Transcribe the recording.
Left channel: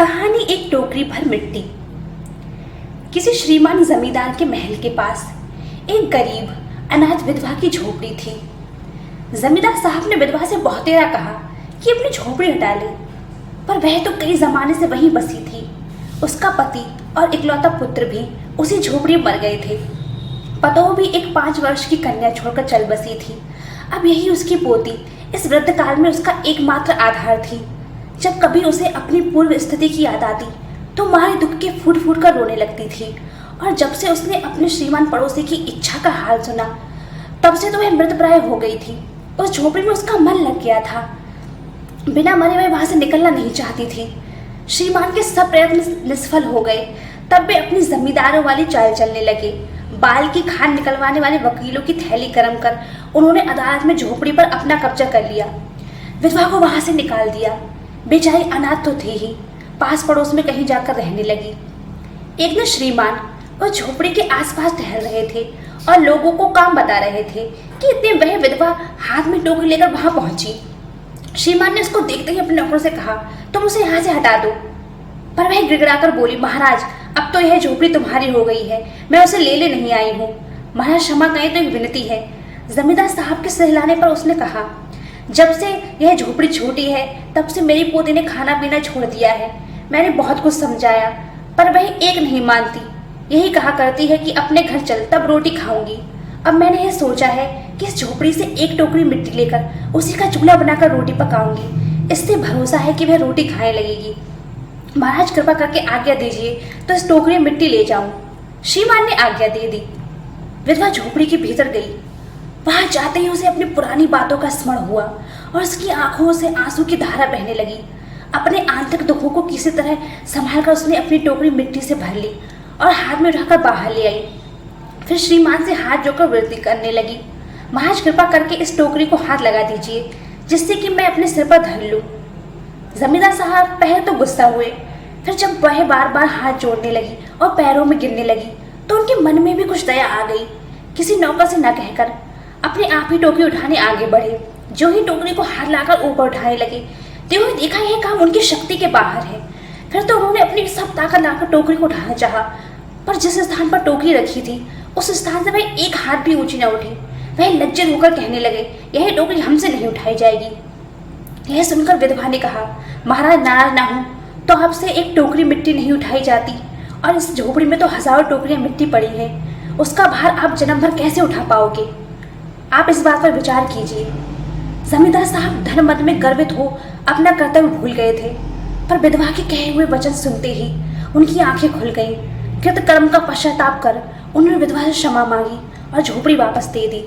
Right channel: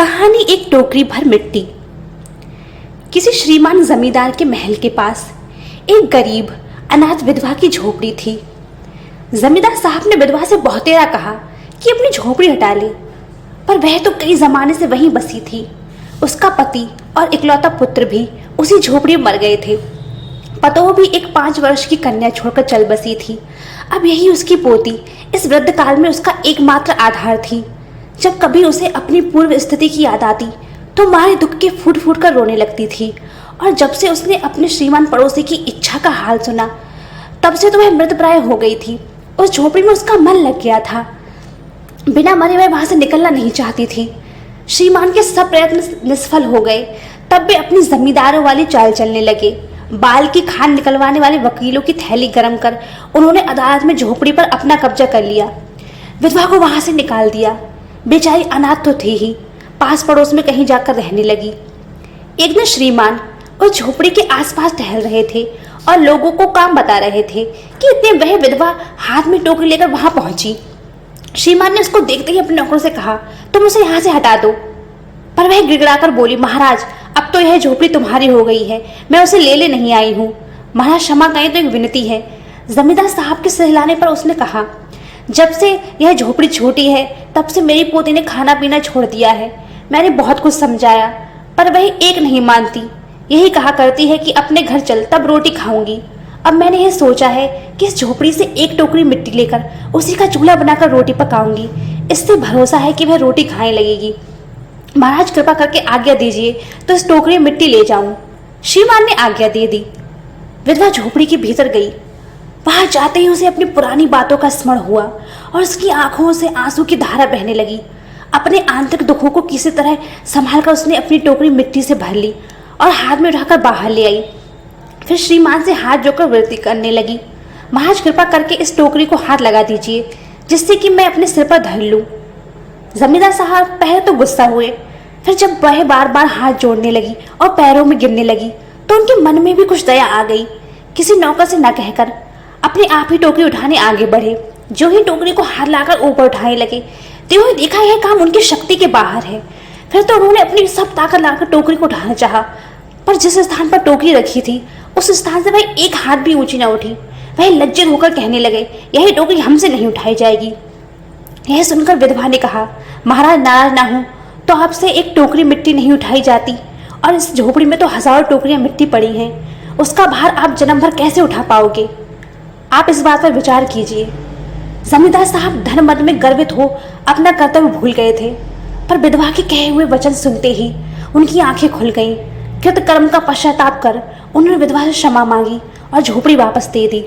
कहानी एक टोकरी भर मिट्टी। किसी श्रीमान जमींदार के महल के पास एक गरीब अनाथ विधवा की झोपड़ी थी। जमींदार साहब ने विधवा से बहुतेरा कहा कि अपनी झोपड़ी हटा ले, पर वह तो कई जमाने से वहीं बसी थी। उसका पति और इकलौता पुत्र भी उसी झोपड़ी में मर गए थे। पतोह भी एक 5 वर्ष की कन्या छोड़कर चल बसी थी। अब यही उसकी पोती इस वृद्ध काल में उसका एकमात्र आधार थी। जब कभी उसे अपनी पूर्व स्थिति की याद आती तो मारे दुख के फूट फूट कर रोने लगती थी। और जब से उसने अपने श्रीमान पड़ोसी की इच्छा का हाल सुना, तब से तो वह मृतप्राय हो गई थी। उस झोपड़ी में उसका मन लग गया था। बिना मरे वह वहां से निकलना नहीं चाहती थी। श्रीमान के सब प्रयत्न निष्फल हो गए, तब भी अपनी जमींदारों वाली चाल चलने लगे। बाल की खान निकलवाने वाले वकीलों की थैली गर्म कर उन्होंने अदालत में झोपड़ी पर अपना कब्जा कर लिया। विधवा को वहां से निकाल दिया। बेचारी अनाथ तो थी ही, पास पड़ोस में कहीं जाकर रहने लगी। एक दिन श्रीमान उस झोपड़ी के आसपास टहल रहे थे और लोगों को काम बता रहे थे कि इतने वह विधवा हाथ में टोकरी लेकर वहां पहुंची। श्रीमान ने उसको देखते ही अपने नौकर से कहा, तुम उसे यहाँ से हटा दो। पर वह गिड़गिड़ाकर बोली, महाराज अब तो यह झोपड़ी तुम्हारी हो गई है, मैं उसे ले नहीं आई हूँ। महाराज क्षमा करें तो एक विनती है। जमींदार साहब के सहलाने पर उसने कहा, जब से यह झोपड़ी छोटी है तब से मेरी पोती ने खाना पीना छोड़ दिया है। मैंने बहुत कुछ समझाया पर वह एक नहीं मानती। यही कहा करती है कि अपने घर चल तब रोटी खाऊंगी। अब मैंने यह सोचा है कि इस झोपड़ी से एक टोकरी मिट्टी लेकर उसी का चूल्हा बनाकर रोटी पकाऊंगी। इससे भरोसा है कि वह रोटी खाने लगेगी। महाराज कृपा करके आज्ञा दीजिए तो इस टोकरी में मिट्टी ले जाऊं। श्रीमान ने आज्ञा दे दी। विधवा झोपड़ी के भीतर गई। वहां जाते ही उसे अपनी पुरानी बातों का स्मरण हुआ और उसकी आंखों से आंसू की धारा बहने लगी। अपने आंतरिक दुखों को किसी तरह संभाल कर उसने अपनी टोकरी मिट्टी से भर ली और हाथ में उठाकर बाहर ले आई। फिर श्रीमान से हाथ जोड़कर विनती करने लगी, महाराज कृपा करके इस टोकरी को हाथ लगा दीजिए जिससे कि मैं अपने सिर पर धर लूं। जमींदार साहब पहले तो गुस्सा हुए, फिर जब वह बार बार हाथ जोड़ने लगी और पैरों में गिरने लगी तो उनके मन में भी कुछ दया आ गई। किसी नौकर से न कहकर अपने आप ही टोकरी उठाने आगे बढ़े। जो ही टोकरी को हाथ लाकर ऊपर उठाने लगे तो ही देखा यह काम उनकी शक्ति के बाहर है। फिर तो उन्होंने अपनी सब ताकत लाकर टोकरी को उठाना चाहा, पर जिस स्थान पर टोकरी रखी थी उस स्थान से वह एक हाथ भी ऊंची न उठी। वह लज्जित होकर कहने लगे, यही टोकरी हमसे नहीं उठाई जाएगी। यह सुनकर विधवा ने कहा, महाराज नाराज ना हो तो आपसे एक टोकरी मिट्टी नहीं उठाई जाती, और इस झोपड़ी में तो हजारों टोकरियां मिट्टी पड़ी हैं। उसका भार आप जन्म भर कैसे उठा पाओगे? आप इस बात पर विचार कीजिए। जमींदार साहब धर्ममत में गर्वित हो अपना कर्तव्य भूल गए थे, पर विधवा के कहे हुए वचन सुनते ही उनकी आंखें खुल गईं। कृत कर्म का पश्चाताप कर उन्होंने विधवा से क्षमा मांगी और झोपड़ी वापस दे दी।